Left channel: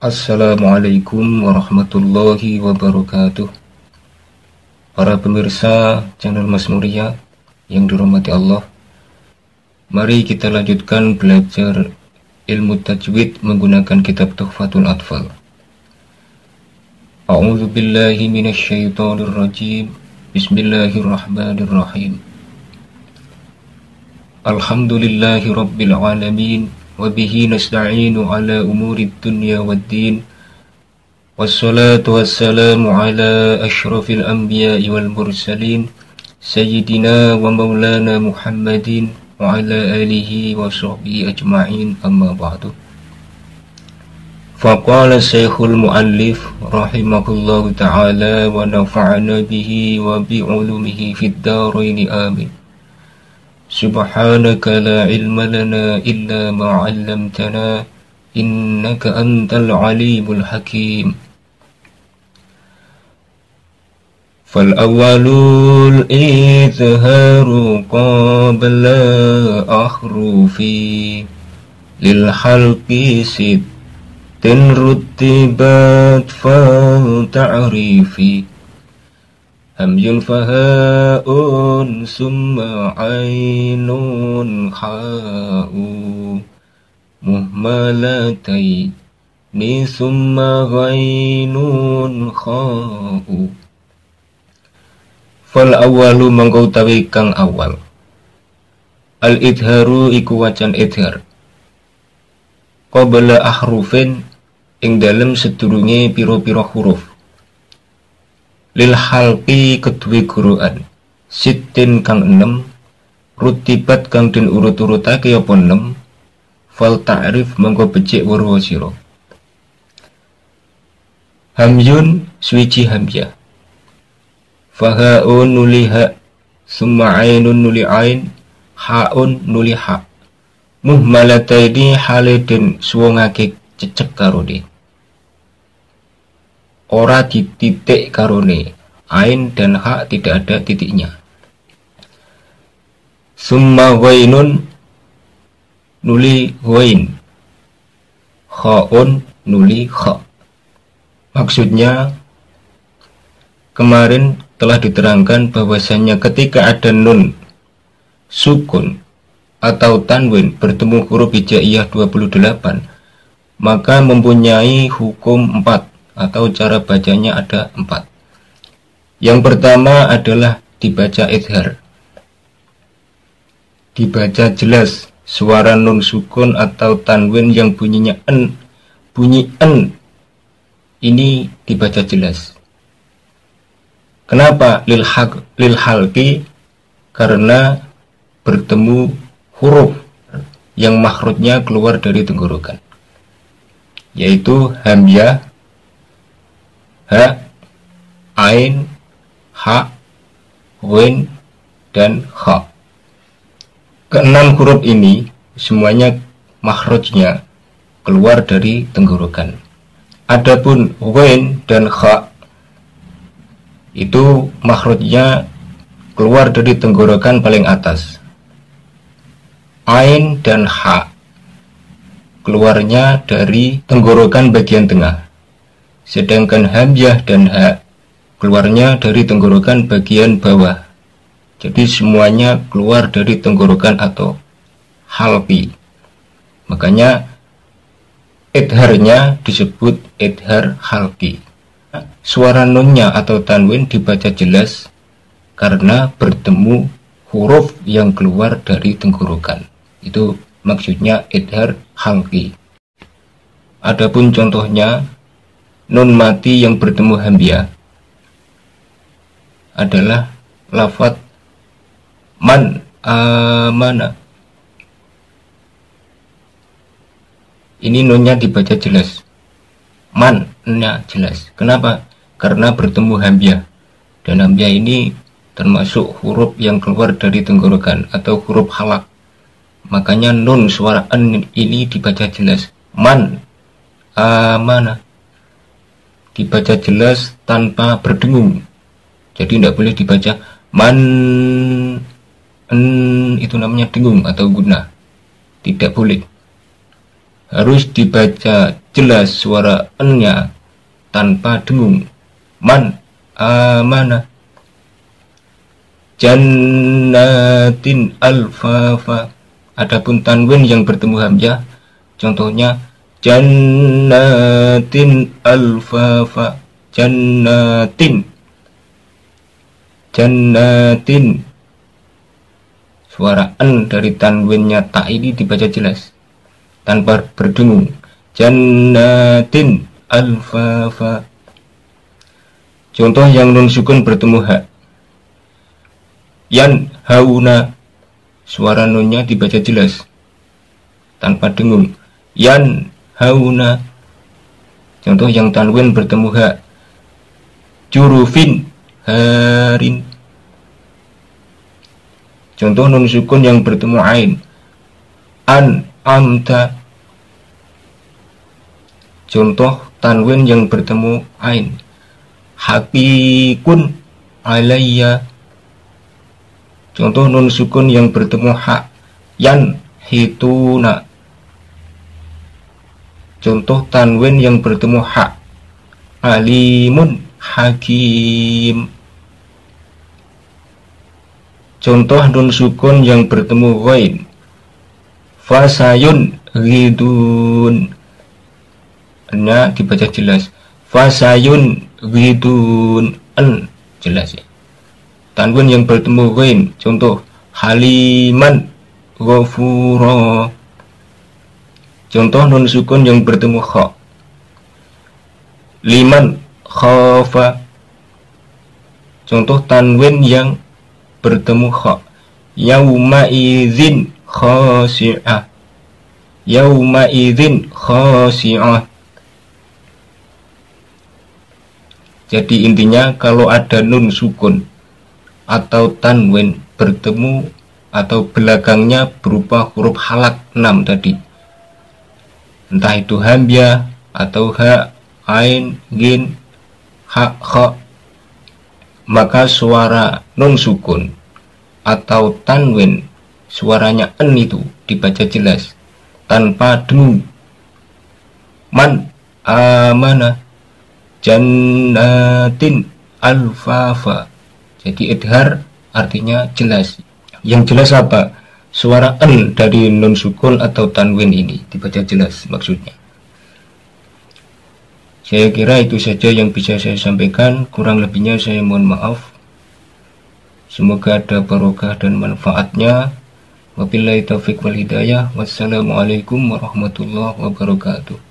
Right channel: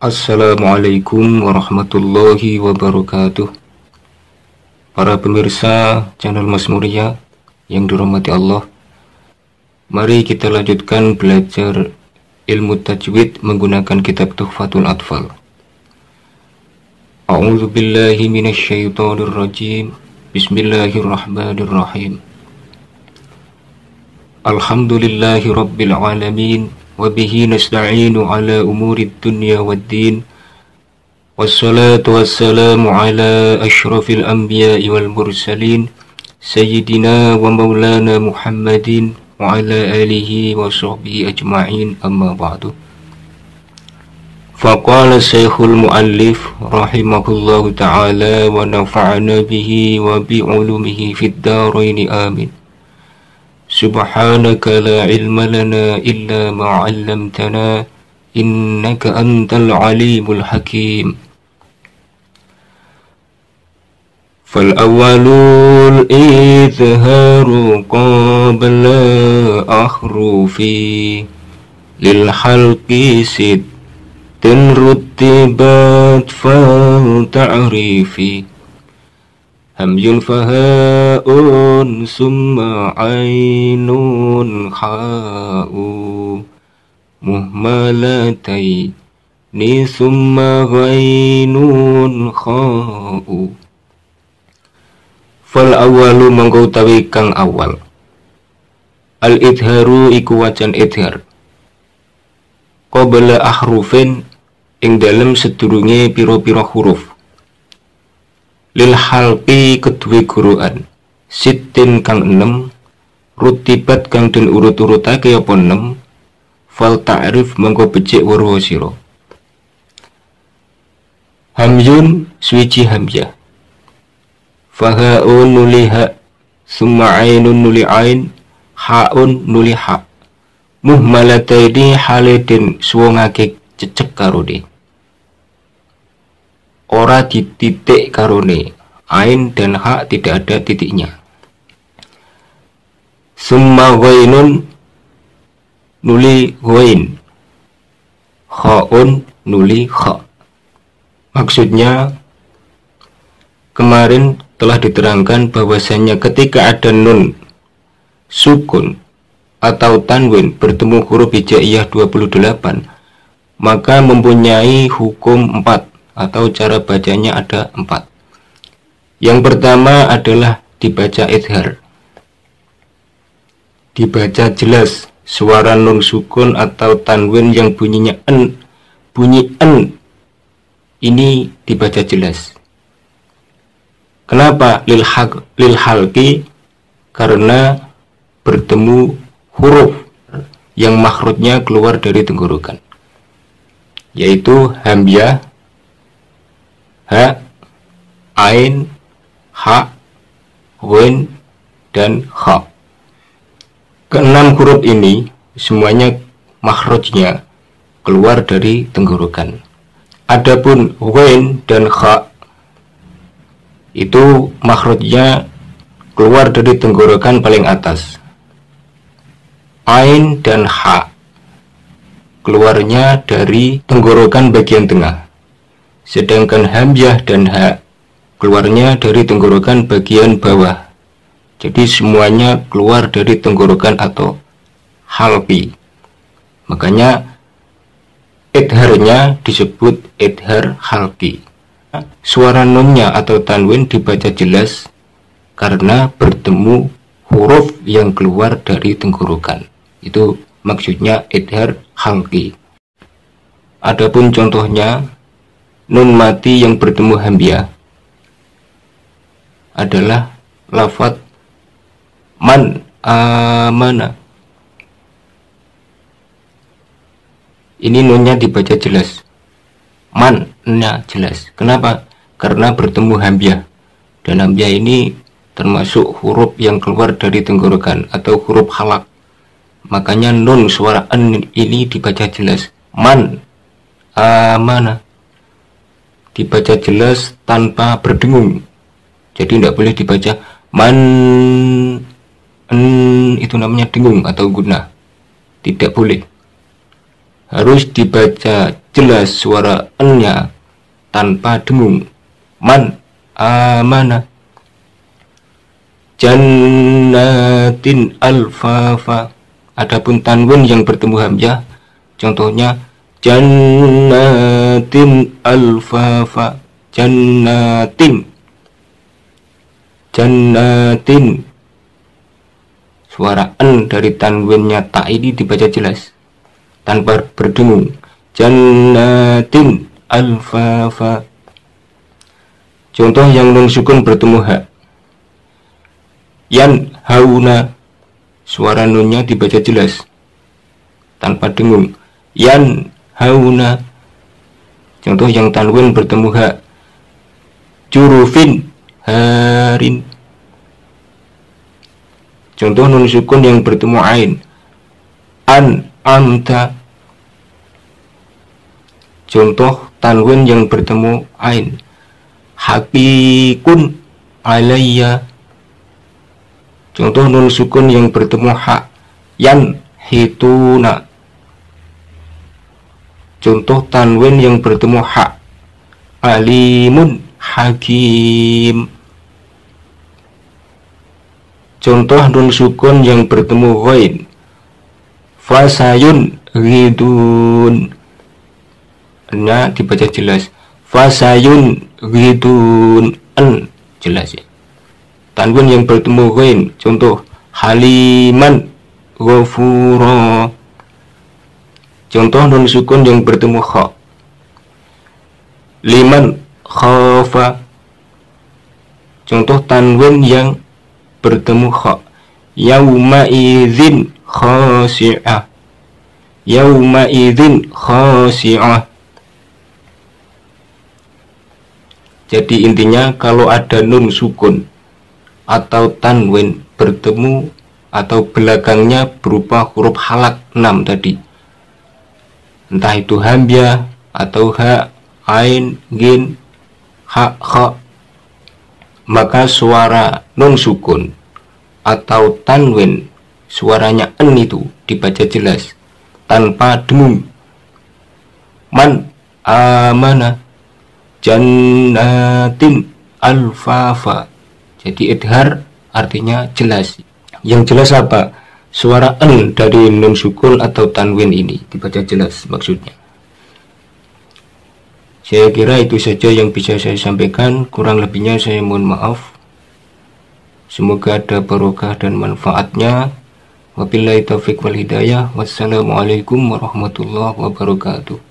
Assalamualaikum warahmatullahi wabarakatuh. Para pemirsa channel Mas Muria yang dirahmati Allah, mari kita lanjutkan belajar ilmu tajwid menggunakan kitab Tuhfatul Atfal. A'udzu billahi minasyaitonir rajim. Bismillahirrahmanirrahim. Alhamdulillahi rabbil alamin. Wabihi nasta'inu ala umuri dunya waddin. Wassalatu wassalamu ala ashrafil anbiya'i wal mursalin Sayyidina wa maulana Muhammadin wa ala alihi wa sahbihi ajma'in, amma ba'du. Faqala syekhul muallif rahimahullahu ta'ala wa nafa'ana bihi wa bi'ulumihi fid daraini amin. Subhanaka la ilma lana illa ma 'allamtana innaka antal alimul hakim. Fal awwalul izharu qabla ahrufi lil halqi sittin rutibat fa ta'rifi. Hamzun fahaun summa ainun kha'u muhmalataini summa ghainun kha'u. Fal awalu mangko utawi kang awal. Al idharu iku wacan idhar qabla ahrufin ing dalem sedurunge pira-pira huruf. Lil halqi kedue guruan sittin kang 6 rutibat kang den urut-urutake apa 6 fal ta'rif mangko becik weruh sira. Hamzun swiji hamzah, fahaun nuli ha, summa ainun nuli ain, haun nuli ha. Muhmalataini hale den suwungake cecek karo de, ora dititik karone, ain dan ha tidak ada titiknya. Summa ghainun nuli ghain, khaun nuli kha. Maksudnya kemarin telah diterangkan bahwasanya ketika ada nun sukun atau tanwin bertemu huruf hijaiyah 28, maka mempunyai hukum 4 atau cara bacanya ada 4. Yang pertama adalah dibaca idhar, dibaca jelas suara nun sukun atau tanwin yang bunyinya en, bunyi en ini dibaca jelas. Kenapa? Lil halqi, karena bertemu huruf yang makhrajnya keluar dari tenggorokan, yaitu hamzah, ha, ain, ha, ghain, dan kha. Keenam huruf ini semuanya makhrajnya keluar dari tenggorokan. Adapun ghain dan kha itu makhrajnya keluar dari tenggorokan paling atas. Ain dan ha keluarnya dari tenggorokan bagian tengah. Sedangkan hamzah dan ha keluarnya dari tenggorokan bagian bawah. Jadi semuanya keluar dari tenggorokan atau halqi. Makanya idharnya disebut idhar halqi. Suara nunnya atau tanwin dibaca jelas karena bertemu huruf yang keluar dari tenggorokan. Itu maksudnya idhar halqi. Adapun contohnya, nun mati yang bertemu hamzah adalah lafaz man amana. Ini nunnya dibaca jelas, man-nya jelas. Kenapa? Karena bertemu hamzah, dan hamzah ini termasuk huruf yang keluar dari tenggorokan atau huruf halak. Makanya nun suara en ini dibaca jelas, man amana, dibaca jelas tanpa berdengung. Jadi tidak boleh dibaca man, itu namanya dengung atau guna, tidak boleh. Harus dibaca jelas suara n-nya tanpa dengung. Man amana. Jannatin alfafa. Adapun tanwin yang bertemu hamzah, contohnya jannatin alfafa. Jannatin. Jannatin. Suara n dari tanwinnya ta ini dibaca jelas tanpa berdengung. Jannatin alfafa. Contoh yang nun sukun bertemu ha. Yan hauna. Suara nunnya dibaca jelas tanpa dengung. Yan hauna. Contoh yang tanwin bertemu ha. Jurufin harin. Contoh nun sukun yang bertemu ain. An amta. Contoh tanwin yang bertemu ain. Hakikun alayya. Contoh nun sukun yang bertemu ha. Yan hituna. Contoh tanwin yang bertemu ha. Alimun hakim. Contoh nun sukun yang bertemu ghain. Fasayun ghidun. Nya dibaca jelas. Fasayun ghidun. N jelas ya. Tanwin yang bertemu ghain. Contoh haliman ghafura. Contoh nun sukun yang bertemu kha. Liman khafa. Contoh tanwin yang bertemu kha. Yauma idzin khasi'ah. Yauma idzin khasi'ah. Jadi intinya kalau ada nun sukun atau tanwin bertemu atau belakangnya berupa huruf halak 6 tadi, entah itu hamzah atau ha, ain, gin, ha, kha, maka suara nun sukun atau tanwin suaranya n itu dibaca jelas tanpa dengung. Man amana. Jannatin alfafa. Jadi idhar artinya jelas. Yang jelas apa? Suara n dari nun sukun atau tanwin ini dibaca jelas maksudnya. Saya kira itu saja yang bisa saya sampaikan. Kurang lebihnya saya mohon maaf. Semoga ada barokah dan manfaatnya. Wabillahi taufiq wal hidayah. Wassalamualaikum warahmatullahi wabarakatuh.